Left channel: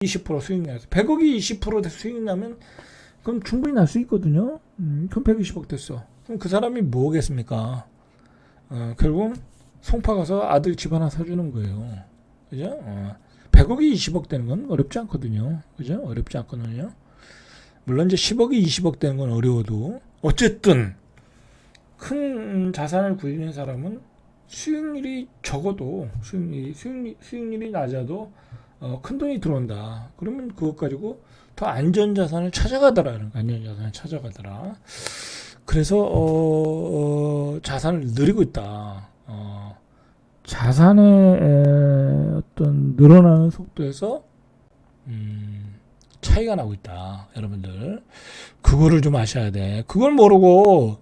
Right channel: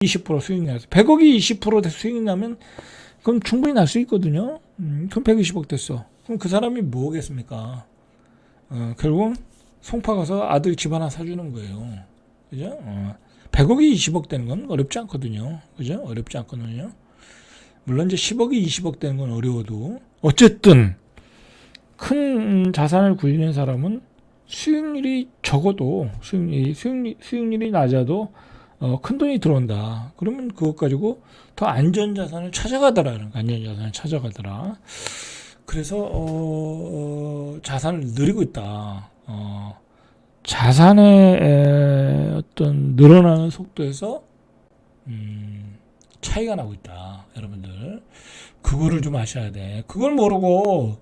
20% 수익이 나서 100억이 20% 수익이 나면 그럼 충분히 날 수 있거든요. 그럼 120억 됐어. 그럼 그 사람이 뭐겠습니까? 결국 송파 가서 아들 집 하나 사주는 거예요. 그죠? 100억이 20억 되는 건 어렵지 않거든요. 그죠? 어렵지 않거든요. 물론 이제 10억이 20억 되는 건 어려워도 어쨌든 큰 자산을 굴리는 사람은 수익률이 적어도 수익률이 낮아도 큰 돈이 들어온다. 그러면 그것 가지고 더 안전 자산을 찾아가더라. 안전 자산을 찾아가더라. 그래서 자산을 늘리고 있다. 자산의 어떤 늘어나는 속도에서 차이가 나고 있다. 여러분들 그거를 좀 아셔야 돼. 그걸 모르고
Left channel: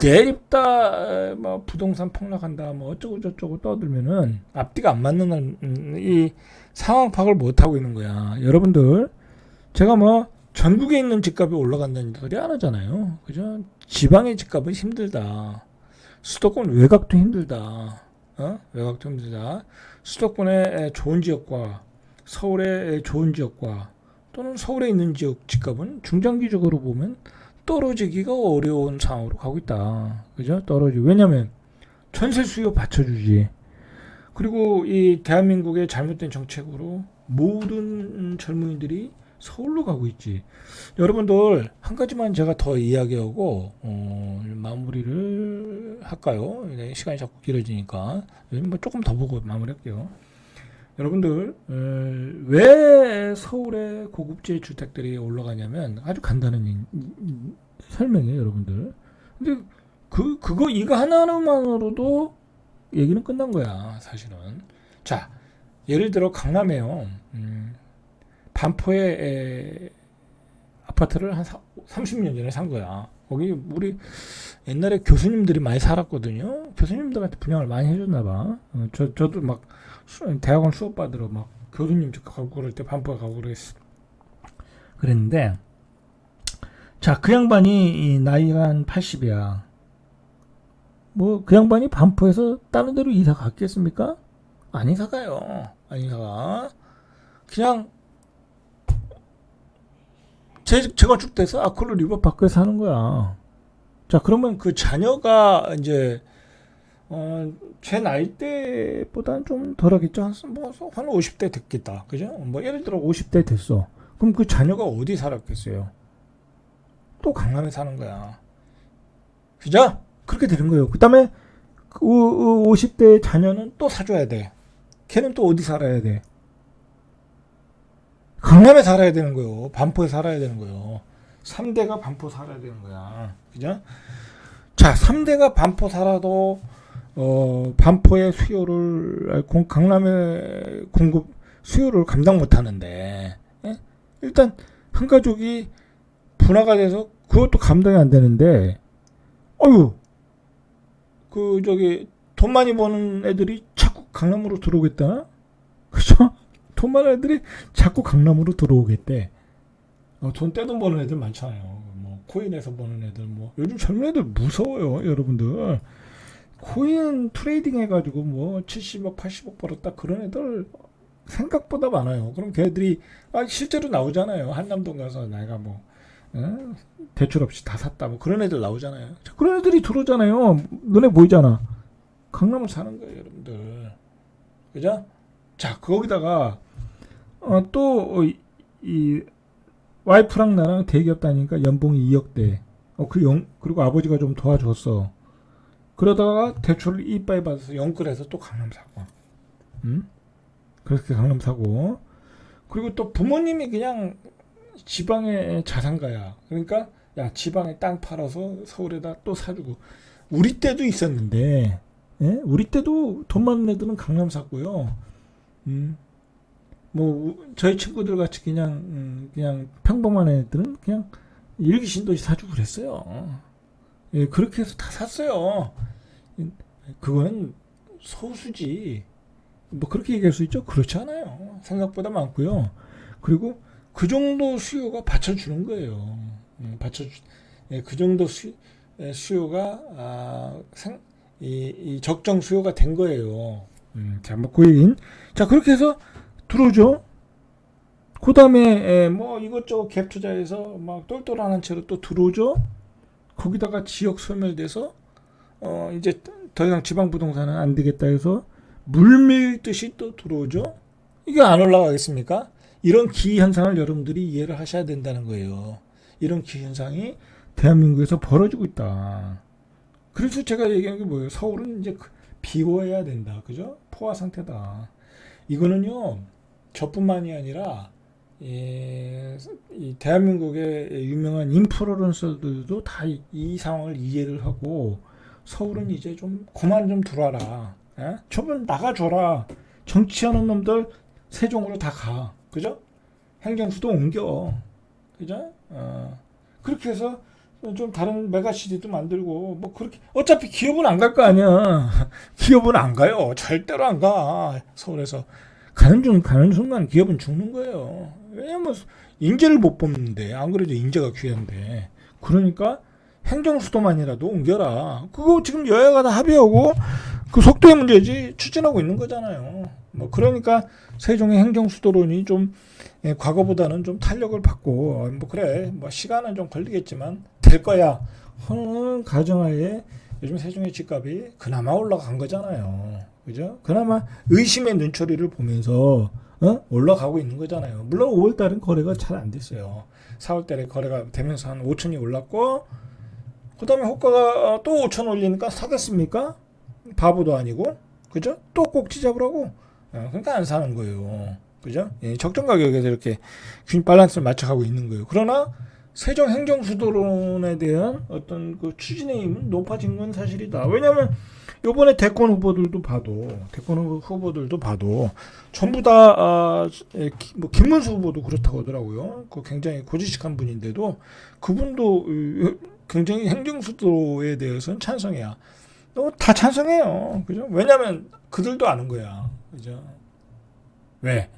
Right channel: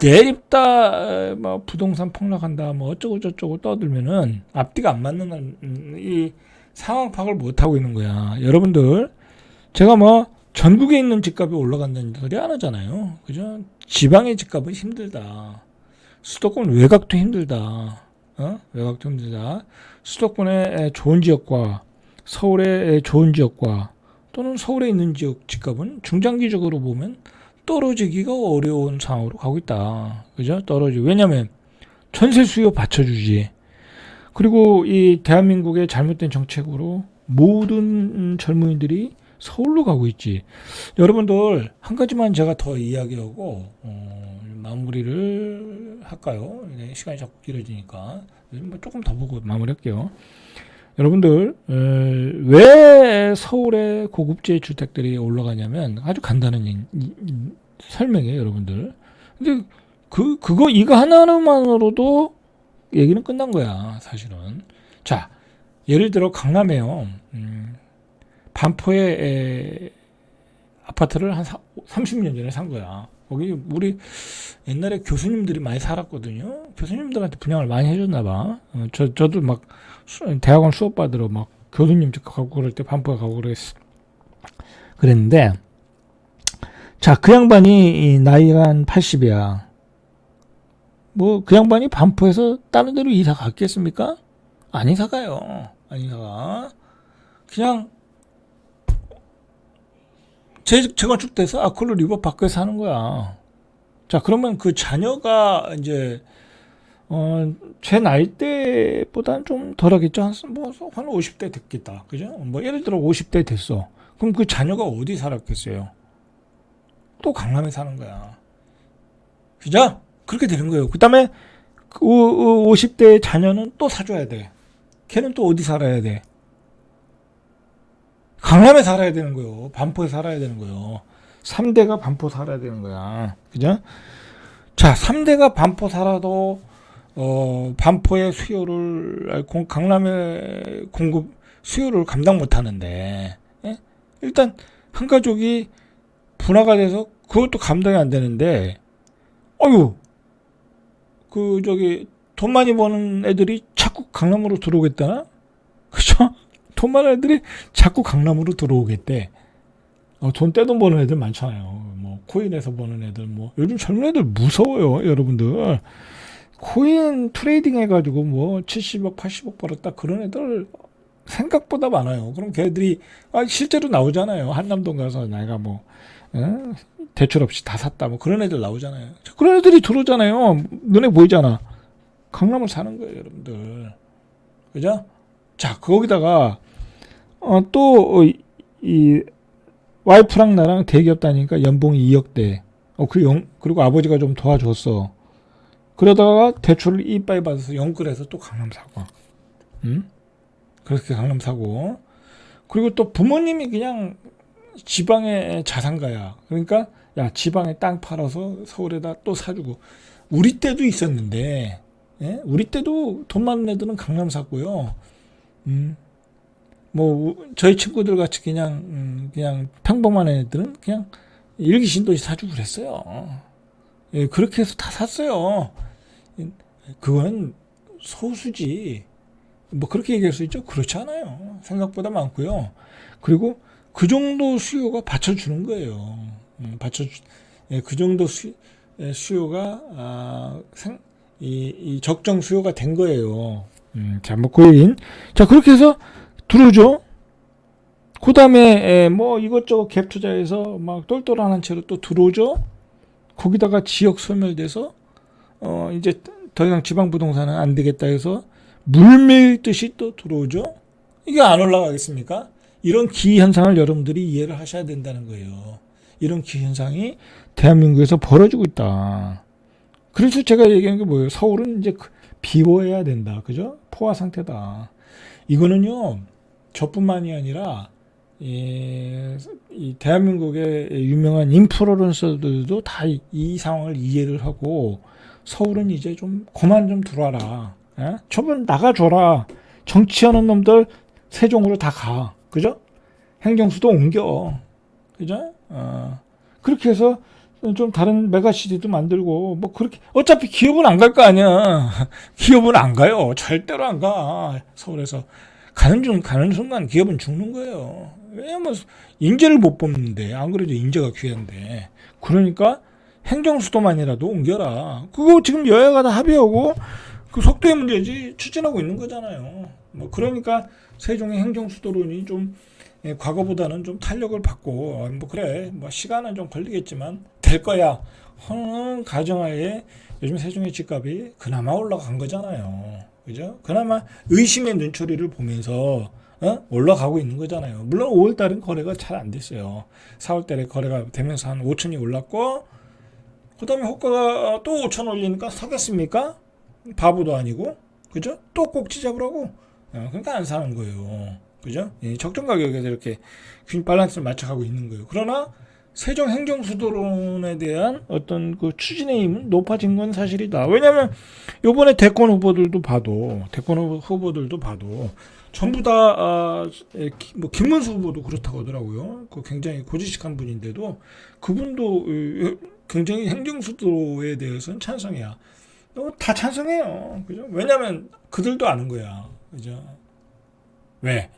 내립다 뭐 부동산 폭락한다 뭐 어쩌고 저쩌고 떠들면은 앞뒤가 안 맞는 이 상황 파악을 못 하고 있는 거야. 여러분들 제가 뭐 전국에 있는 집값이 올라간다는 소리 안 하잖아요. 그죠? 지방의 집값은 힘들다. 수도권 외곽도 힘들다. 외곽도 힘들다. 수도권의 좋은 지역과 서울의 좋은 지역과 또는 서울에 있는 지역 집값은 중장기적으로 보면 떨어지기가 어려운 상황으로 가고 있다. 그죠? 떨어지고. 왜냐면 전세 수요 받쳐주지. 그리고 이 대한민국의 잘못된 정책으로 모든 젊은이들이 서울로 가고 있지. 여러분들 한 가지만 제가 더 이야기하고 마무리를 할까요? 네, 시간이 자꾸 길어지니까 뭐 조금 더 보고 마무리할게요. 여러분들 왜 서울의 고급지 주택들이 올라가냐면 아주 간단한 설명이에요, 여러분들. 근데 이거 하나만으로도 얘기는 끝난 거야, 사실은. 자, 예를 들어 강남에요. 반포에 아파트를 한 30년 전에 산 거야. 거기 우리 옛날에 교수님들이 많이 살았거든요. 교수님들한테 분양을 많이 해줬나 봐. 저도 막 대학원 수업 받으러 막 교수님 집 가고 그럴 때 반포에 가고 그랬는데 자, 그 양반이 나이가 한 80이야. 뭐 그 양반이 반포에서 다른 데로 이사 갔겠습니까? 안 이사 가요. 안 이사 가. 그냥 재건축돼서 아콜로 리버파크에 사는 거야. 자, 그러면 그 자녀가 이제 제 나이 때보다는 좀 덜하겠죠. 한 50대 됐겠다. 그죠? 뭐 예를 들어 50대 됐어. 그럼 그 자녀가 어디 살았겠어요? 또 강남에 사는 거야. 그죠? 그렇게 되는 거예요. 그 다음에 50대 자녀는 또 사줘야 돼. 걔는 또 어디 살아야 돼? 강남에 살아야 되는 거예요. 반포에 살아야 되는 거예요. 3대가 반포 살아야 되는 거야. 그죠? 자, 3대가 반포 살아도 반포의 수요를 강남의 공급 수요를 감당 못 하는데 예? 일단 한 가족이 분화가 돼서 그것도 감당이 안 되는데 어유 돈 많이 버는 애들이 자꾸 강남으로 들어오겠다나? 그죠? 돈 많은 애들이 자꾸 강남으로 들어오겠대. 돈 떼돈 버는 애들 많잖아요. 뭐 코인에서 버는 애들 뭐 요즘 젊은 애들 무서워요, 여러분들. 코인 트레이딩 해가지고 뭐 70억, 80억 벌었다 그런 애들 생각보다 많아요. 그럼 걔들이 실제로 나오잖아요. 한남동 가서 내가 뭐 대출 없이 다 샀다 뭐 그런 애들 나오잖아요. 그런 애들이 들어오잖아요. 눈에 보이잖아. 강남을 사는 거예요, 여러분들. 그죠? 자, 거기다가 또 이 와이프랑 나랑 대기업 다니니까 연봉이 2억대. 그리고 아버지가 좀 도와줬어. 그러다가 대출을 이빠이 받아서 연끌해서 또 강남 사고. 그렇게 강남 사고. 그리고 또 부모님이 그냥 지방의 자산가야. 그러니까 야, 지방에 땅 팔아서 서울에다 또 사주고. 우리 때도 있었는데 예? 우리 때도 돈 많은 애들은 강남 샀고요. 뭐 저희 친구들 같이 그냥 평범한 애들은 그냥 일기신도시 사주고 그랬어요. 예, 그렇게 해서 다 샀어요. 그건 소수지. 뭐 그렇게 얘기할 수 있죠? 그렇지 않아요. 생각보다 많고요. 그리고 그 정도 수요가 받쳐주는 거예요. 그 정도 수요가 이 적정 수요가 된 거예요. 자, 뭐 코인. 자, 그렇게 해서 들어오죠. 그 다음에 뭐 이것저것 갭 투자해서 막 똘똘한 채로 또 들어오죠. 거기다가 지역 소멸돼서 이제 더 이상 지방 부동산은 안 되겠다 해서 물밀듯이 또 들어오죠. 이게 안 올라가겠습니까? 이런 기회 현상을 여러분들이 이해를 하셔야 된다는 거예요. 이런 기회 현상이 대한민국에서 벌어지고 있다. 그래서 제가 얘기하는 게 뭐예요? 서울은 이제 비워야 된다. 그죠? 포화 상태다. 이거는요, 저뿐만이 아니라 이 대한민국의 유명한 인플루언서들도 다 이 상황을 이해를 하고 서울은 이제 좀 그만 좀 들어와라. 저분 나가줘라. 정치하는 놈들 세종으로 다 가. 그죠? 행정수도 옮겨. 그죠? 그렇게 해서 좀 다른 메가시티도 만들고 뭐 그렇게 어차피 기업은 안 갈 거 아니야. 기업은 안 가요. 절대로 안 가. 서울에서 가는 순간 기업은 죽는 거예요. 왜냐면 인재를 못 뽑는데 안 그래도 인재가 귀한데. 그러니까 행정수도만이라도 옮겨라. 그거 지금 여야가 다 합의하고 그 속도의 문제지 추진하고 있는 거잖아요. 뭐 그러니까 세종의 행정수도론이 좀 과거보다는 좀 탄력을 받고 뭐 그래 뭐 시간은 좀 걸리겠지만 될 거야 하는 가정하에 요즘 세종의 집값이 그나마 올라간 거잖아요. 그죠? 그나마 의심의 눈초리를 보면서 올라가고 있는 거잖아요. 물론 5월달은 거래가 잘 안 됐어요. 4월달에 거래가 되면서 한 5천이 올랐고 그 다음에 호가가 또 5천 올리니까 사겠습니까? 바보도 아니고 그죠? 또 꼭지 잡으라고 그러니까 안 사는 거예요. 그죠? 적정 가격에서 이렇게 균 밸런스를 맞춰가고 있는 거예요. 그러나 세종 행정수도론에 대한 어떤 그 추진의 힘은 높아진 건 사실이다. 왜냐하면 요번에 대권 후보들도 봐도 전부 다 뭐 김문수 후보도 그렇다고 하더라고요. 그 굉장히 고지식한 분인데도 그분도 굉장히 행정수도에 대해서는 찬성이야. 다 찬성해요. 그죠? 왜냐하면 그들도 아는 거야. 그죠? 왜?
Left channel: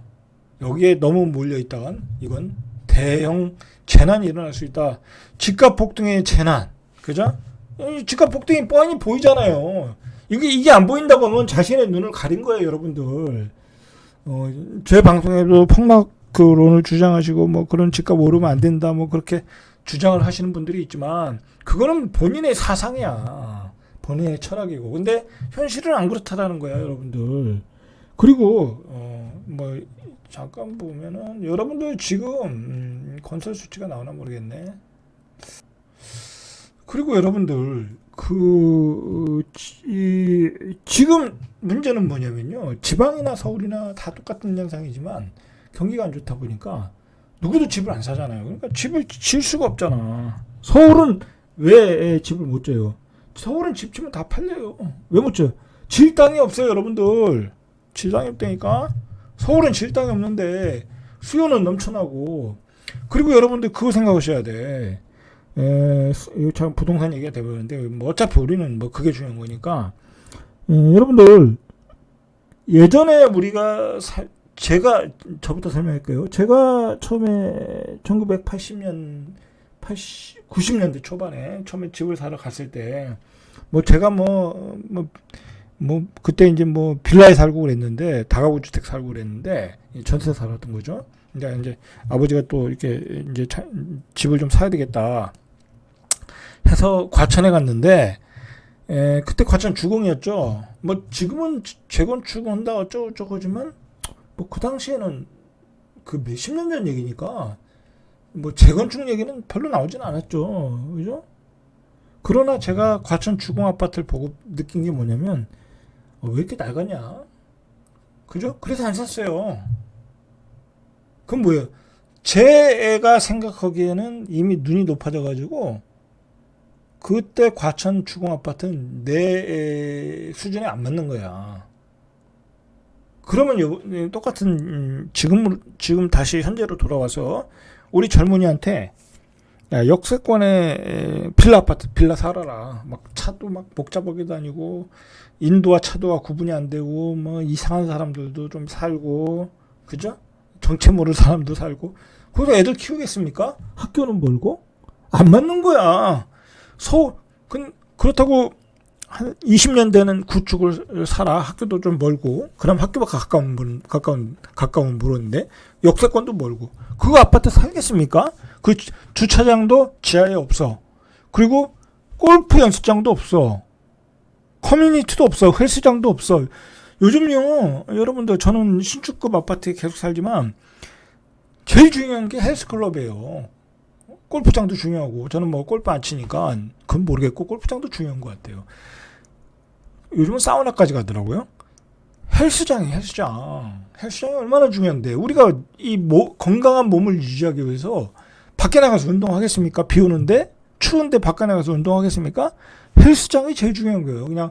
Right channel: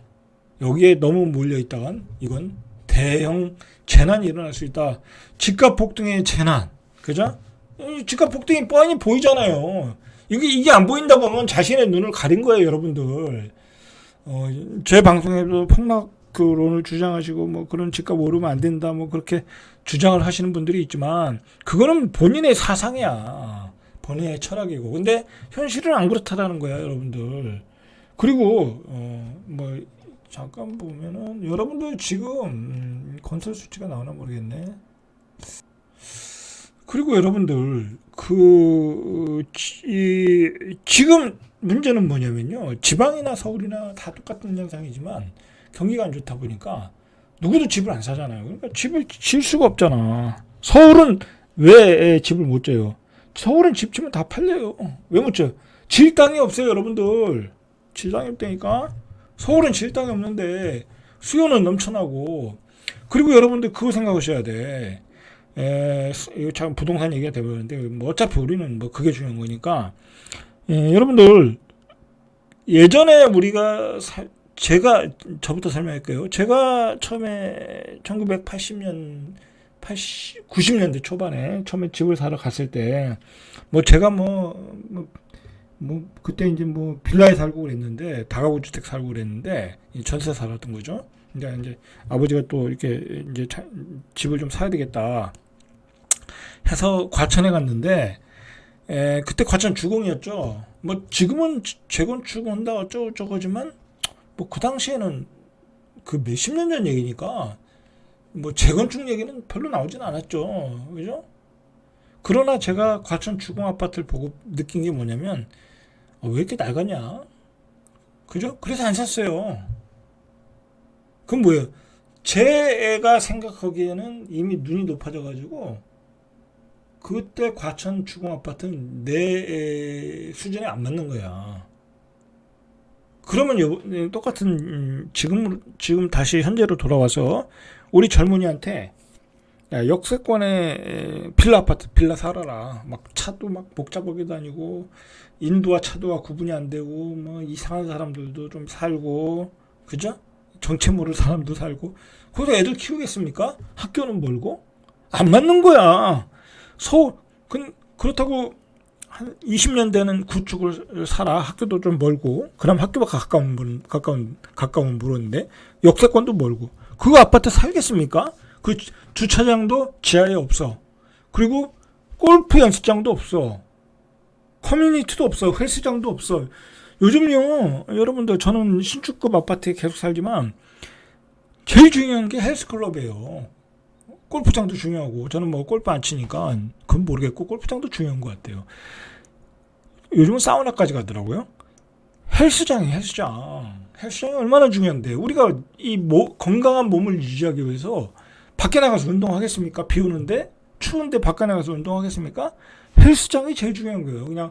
여기에 너무 몰려있다간 이건 대형 재난이 일어날 수 있다. 집값 폭등의 재난. 그죠? 집값 폭등이 뻔히 보이잖아요. 이게 안 보인다고 하면 자신의 눈을 가린 거예요, 여러분들. 제 방송에도 폭락론을 주장하시고 뭐 그런 집값 오르면 안 된다 뭐 그렇게 주장을 하시는 분들이 있지만 그거는 본인의 사상이야. 본인의 철학이고. 근데 현실은 안 그렇다라는 거야, 여러분들. 그리고 뭐 잠깐 보면은 여러분들 지금 건설 수치가 나오나 모르겠네. 그리고 여러분들 지금 문제는 뭐냐면요. 지방이나 서울이나 다 똑같은 현상이지만 경기가 안 좋다 보니까 누구도 집을 안 사잖아요. 그러니까 집을 질 수가 없잖아. 서울은 왜 집을 못 져요? 서울은 집 지면 다 팔려요. 왜 못 져요? 질 땅이 없어요, 여러분들. 질 땅이 없다니까. 서울은 질 땅이 없는데 수요는 넘쳐나고. 그리고 여러분들 그거 생각하셔야 돼. 이거 참 부동산 얘기가 돼버렸는데 뭐 어차피 우리는 뭐 그게 중요한 거니까. 여러분들 예전에 우리가 저부터 설명할게요. 제가 처음에 1980년 90년대 초반에 처음에 집을 사러 갔을 때 뭐 제가 그때 이제 뭐 빌라에 살고 그랬는데 다가구 주택 살고 그랬는데 전세 살았던 거죠. 근데 이제 아버지가 또 이렇게 이제 집을 좀 사야 되겠다 해서 과천에 갔는데 그때 과천 주공이었죠. 뭐 지금은 재건축한다 어쩌고저쩌고지만 뭐 그 당시에는 그 몇십 년 전 얘기니까 뭐 재건축 얘기는 별로 나오진 않았죠. 그죠? 그러나 제가 과천 주공 아파트를 보고 느낀 게 뭐냐면 왜 이렇게 낡았냐? 그죠? 그래서 안 샀어요. 그럼 뭐예요? 제가 생각하기에는 이미 눈이 높아져가지고 그때 과천 주공 아파트는 내 수준에 안 맞는 거야. 그러면 똑같은 지금 다시 현재로 돌아와서 우리 젊은이한테 야, 역세권에 빌라 살아라. 막 차도 막 복잡하게 다니고 인도와 차도와 구분이 안 되고 뭐 이상한 사람들도 좀 살고 그죠? 정체 모를 사람도 살고 거기서 애들 키우겠습니까? 학교는 멀고 안 맞는 거야. 그렇다고 한 20년 되는 구축을 사라. 학교도 좀 멀고. 그럼 학교가 가까운 물인데 역세권도 멀고. 그 아파트 살겠습니까? 그 주차장도 지하에 없어. 그리고 골프 연습장도 없어. 커뮤니티도 없어. 헬스장도 없어. 요즘요, 여러분들, 저는 신축급 아파트에 계속 살지만 제일 중요한 게 헬스클럽이에요. 골프장도 중요하고, 저는 뭐 골프 안 치니까 그건 모르겠고 골프장도 중요한 것 같아요. 요즘은 사우나까지 가더라고요. 헬스장이 얼마나 중요한데, 우리가 건강한 몸을 유지하기 위해서 밖에 나가서 운동하겠습니까? 비 오는데 추운데 밖에 나가서 운동하겠습니까? 헬스장이 제일 중요한 거예요. 그냥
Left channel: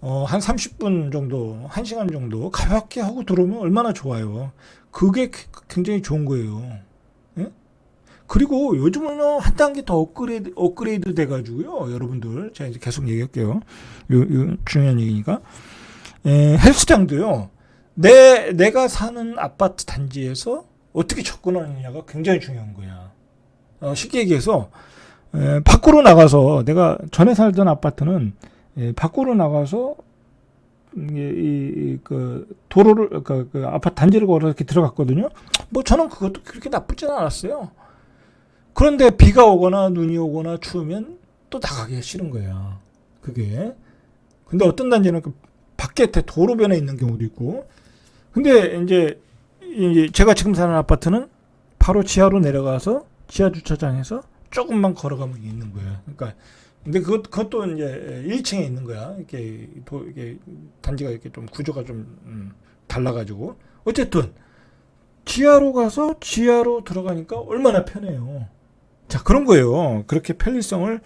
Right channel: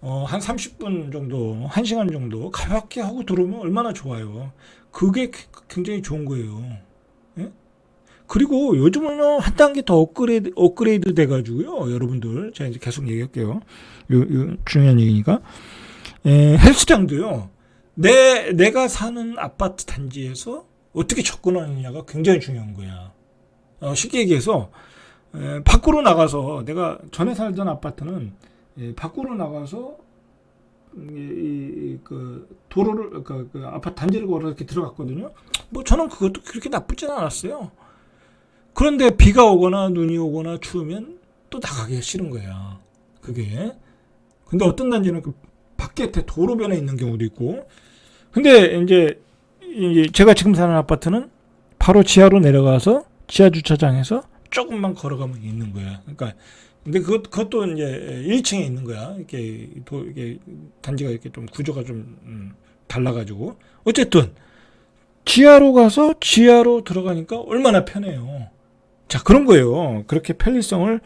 한 30분 정도, 1시간 정도 가볍게 하고 들어오면 얼마나 좋아요. 그게 굉장히 좋은 거예요. 예? 그리고 요즘은요, 한 단계 더 업그레이드 돼가지고요, 여러분들, 제가 이제 계속 얘기할게요. 중요한 얘기니까. 헬스장도요, 내가 사는 아파트 단지에서 어떻게 접근하느냐가 굉장히 중요한 거야. 쉽게 얘기해서, 밖으로 나가서, 내가 전에 살던 아파트는, 밖으로 나가서, 도로를, 그 아파트 단지를 걸어 이렇게 들어갔거든요. 뭐 저는 그것도 그렇게 나쁘진 않았어요. 그런데 비가 오거나 눈이 오거나 추우면 또 나가기가 싫은 거야. 그게. 근데 어떤 단지는 그 밖에 도로변에 있는 경우도 있고. 근데 이제 제가 지금 사는 아파트는 바로 지하로 내려가서 지하 주차장에서 조금만 걸어가면 있는 거야. 그러니까 근데 그것도 이제 1층에 있는 거야. 이게 단지가 이렇게 좀 구조가 좀 달라가지고. 어쨌든 지하로 가서 지하로 들어가니까 얼마나 편해요. 자, 그런 거예요. 그렇게 편리성을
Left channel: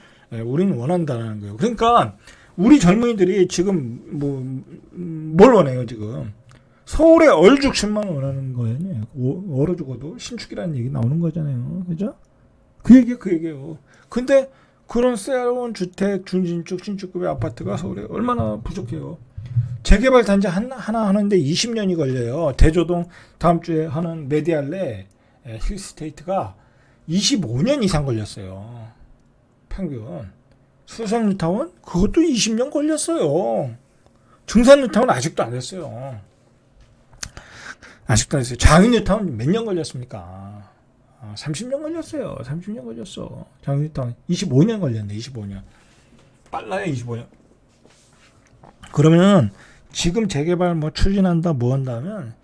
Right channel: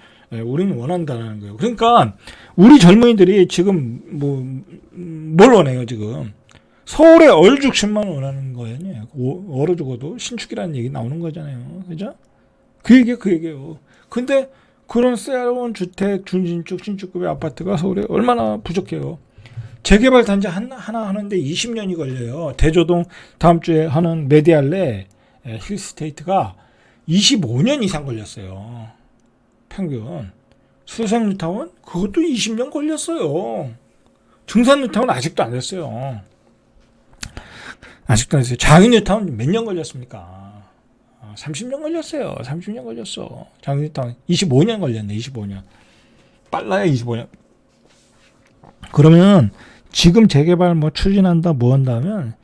우리는 원한다는 거예요. 그러니까 우리 젊은이들이 지금 뭘 원해요, 지금. 서울의 얼죽심만 원하는 거예요. 얼어 죽어도 신축이라는 얘기 나오는 거잖아요. 그죠? 그 얘기예요. 근데 그런 새로운 주택, 준신축, 신축급의 아파트가 서울에 얼마나 부족해요. 재개발 단지 하나 하는데 20년이 걸려요. 대조동 다음 주에 하는 메디알레 힐스테이트가 25년 이상 걸렸어요. 평균. 수성뉴타운 그것도 20년 걸렸어요. 중산뉴타운 아직도 안 됐어요. 장인뉴타운 몇 년 걸렸습니까? 30년 걸렸어요. 30년 걸렸어. 장인뉴타운 25년 걸렸네. 25년. 빨라요. 25년. 그러면 지금 재개발 추진한다 뭐 한다면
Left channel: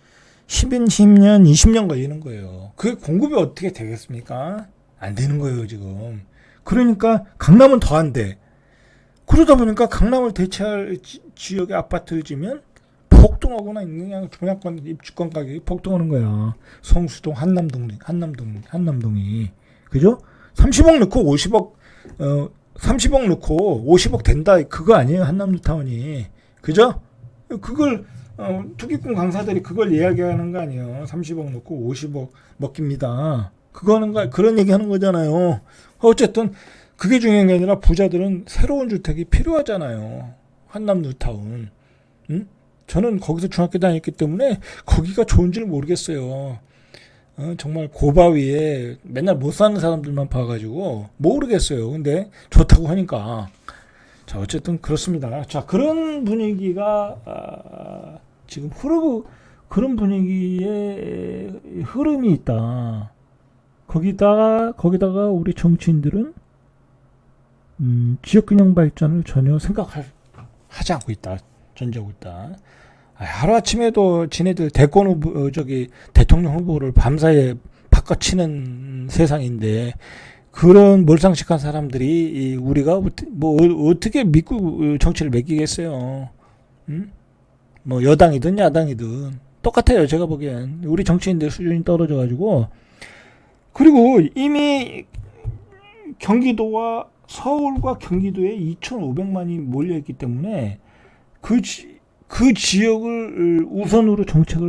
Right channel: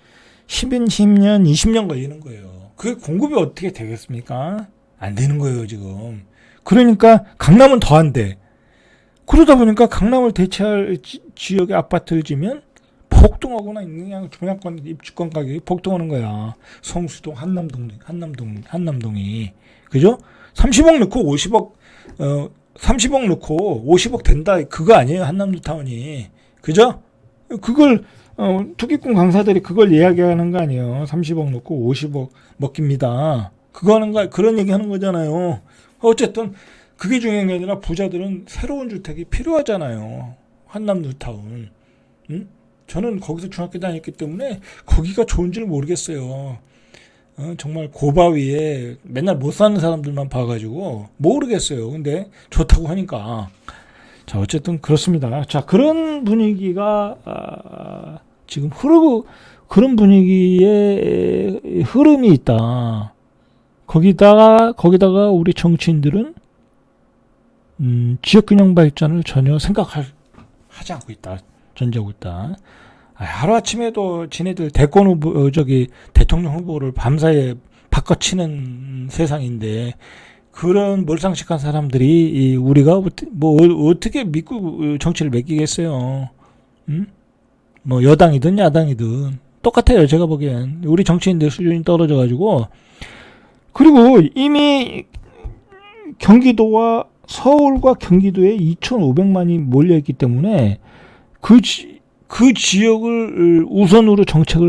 10년, 20년 걸리는 거예요. 그 공급이 어떻게 되겠습니까? 안 되는 거예요, 지금. 그러니까 강남은 더 안 돼. 그러다 보니까 강남을 대체할 지역의 아파트를 지면 폭등하거나 그냥 분양권, 입주권 가격이 폭등하는 거야. 성수동, 한남동이. 그죠? 30억 넣고 30억 넣고 50억 된다. 그거 아니에요, 한남뉴타운이. 그죠? 그걸 투기꾼 강사들이 그걸 이야기하는 거 아니에요. 30억 넣고 50억 먹깁니다. 그런 얘기 하는 거잖아요. 어쨌든 그게 중요한 게 아니라 부자들은 새로운 주택이 필요하잖아요. 한남뉴타운. 응? 저는 거기서 중학교 다녔기 때문에 거기가 좋은지를 모르겠어요. 정말 고바위에 맨날 못 사는 사람들만 봐가지고 모르겠어요. 근데 좋다고 하니까. 자, 어쨌든 그렇습니다. 자, 그런 분위기가 지금 그런 분위기의 흐름이 있다. 거기다가 우리 정치인들은 지역균형 발전을 전혀 하지 않고 있다. 전제하고 있다. 하루아침에도 지네들 대통령 후보를 밤사이에 바꿔치는 세상인데 그런 몰상식한 사람들이 우리가 어떻게 믿고 정치를 맡기겠어요. 여당이든 야당이든 똑같아요. 제가 보기엔 우리 정치인들 수준이 떨어져가지고. 그리고 이미 경기도와 서울과 경기도에 2,500만이 몰려있기 때문에 그 지역을 우선으로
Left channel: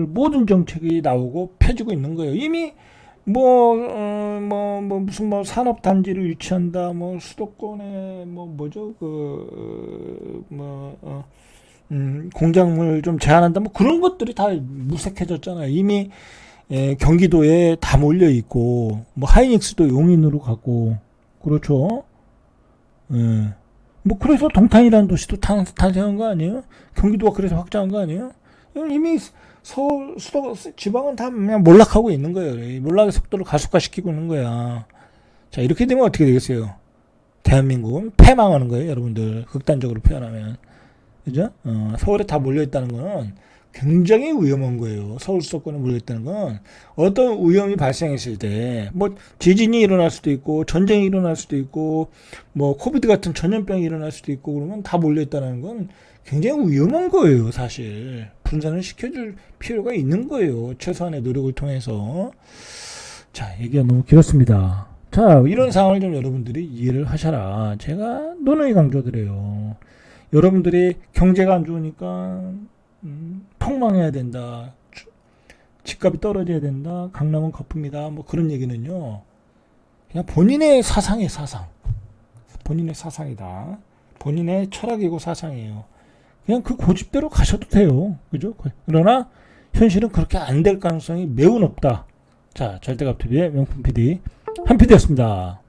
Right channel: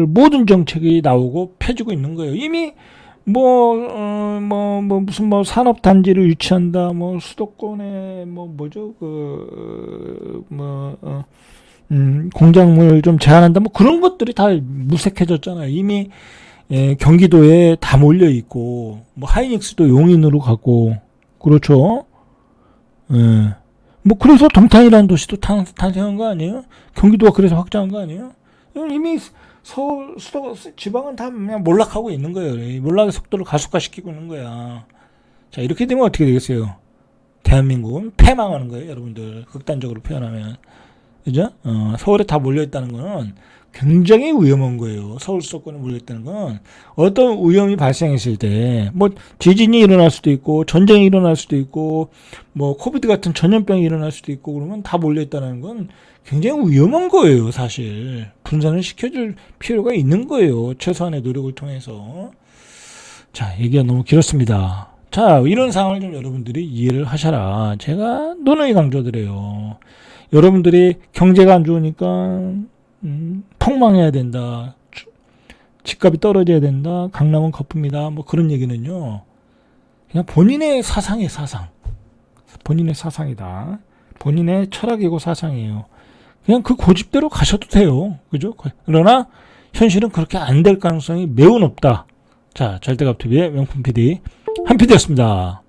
모든 정책이 나오고 펴지고 있는 거예요. 이미 무슨 산업단지를 유치한다, 수도권에 공작물 좀 제한한다, 그런 것들이 다 무색해졌잖아요. 이미 경기도에 다 몰려 있고, 하이닉스도 용인으로 가고, 그렇죠. 뭐 그래서 동탄이라는 도시도 탄생한 거 아니에요? 경기도가 그래서 확장한 거 아니에요? 이미 서울 수도 지방은 다 그냥 몰락하고 있는 거예요. 몰락의 속도를 가속화시키고 있는 거야. 자, 이렇게 되면 어떻게 되겠어요? 대한민국은 패망하는 거예요, 여러분들. 극단적으로 표현하면. 그죠? 서울에 다 몰려있다는 거는 굉장히 위험한 거예요. 서울 수도권에 몰려있다는 건 어떤 위험이 발생했을 때, 뭐, 지진이 일어날 수도 있고, 전쟁이 일어날 수도 있고, 뭐, 코비드 같은 전염병이 일어날 수도 있고, 그러면 다 몰려있다는 건 굉장히 위험한 거예요, 사실. 분산을 시켜줄 필요가 있는 거예요. 최소한의 노력을 통해서. 자, 얘기가 너무 길었습니다. 자, 이런 상황을 좀 여러분들이 이해를 하셔라. 제가 누누이 강조드려요. 여러분들이 경제가 안 좋으니까 폭망해야 된다. 집값이 떨어져야 된다. 강남은 거품이다. 뭐 그런 얘기는요. 그냥 본인의 사상이에요, 사상. 본인의 사상이다. 본인의 철학이고 사상이에요. 그냥 그 고집대로 가셔도 돼요. 그죠? 그러나 현실은 그렇게 안 될 가능성이 매우 높다. 자, 절대갑TV의 명품 PD 한 PD였습니다.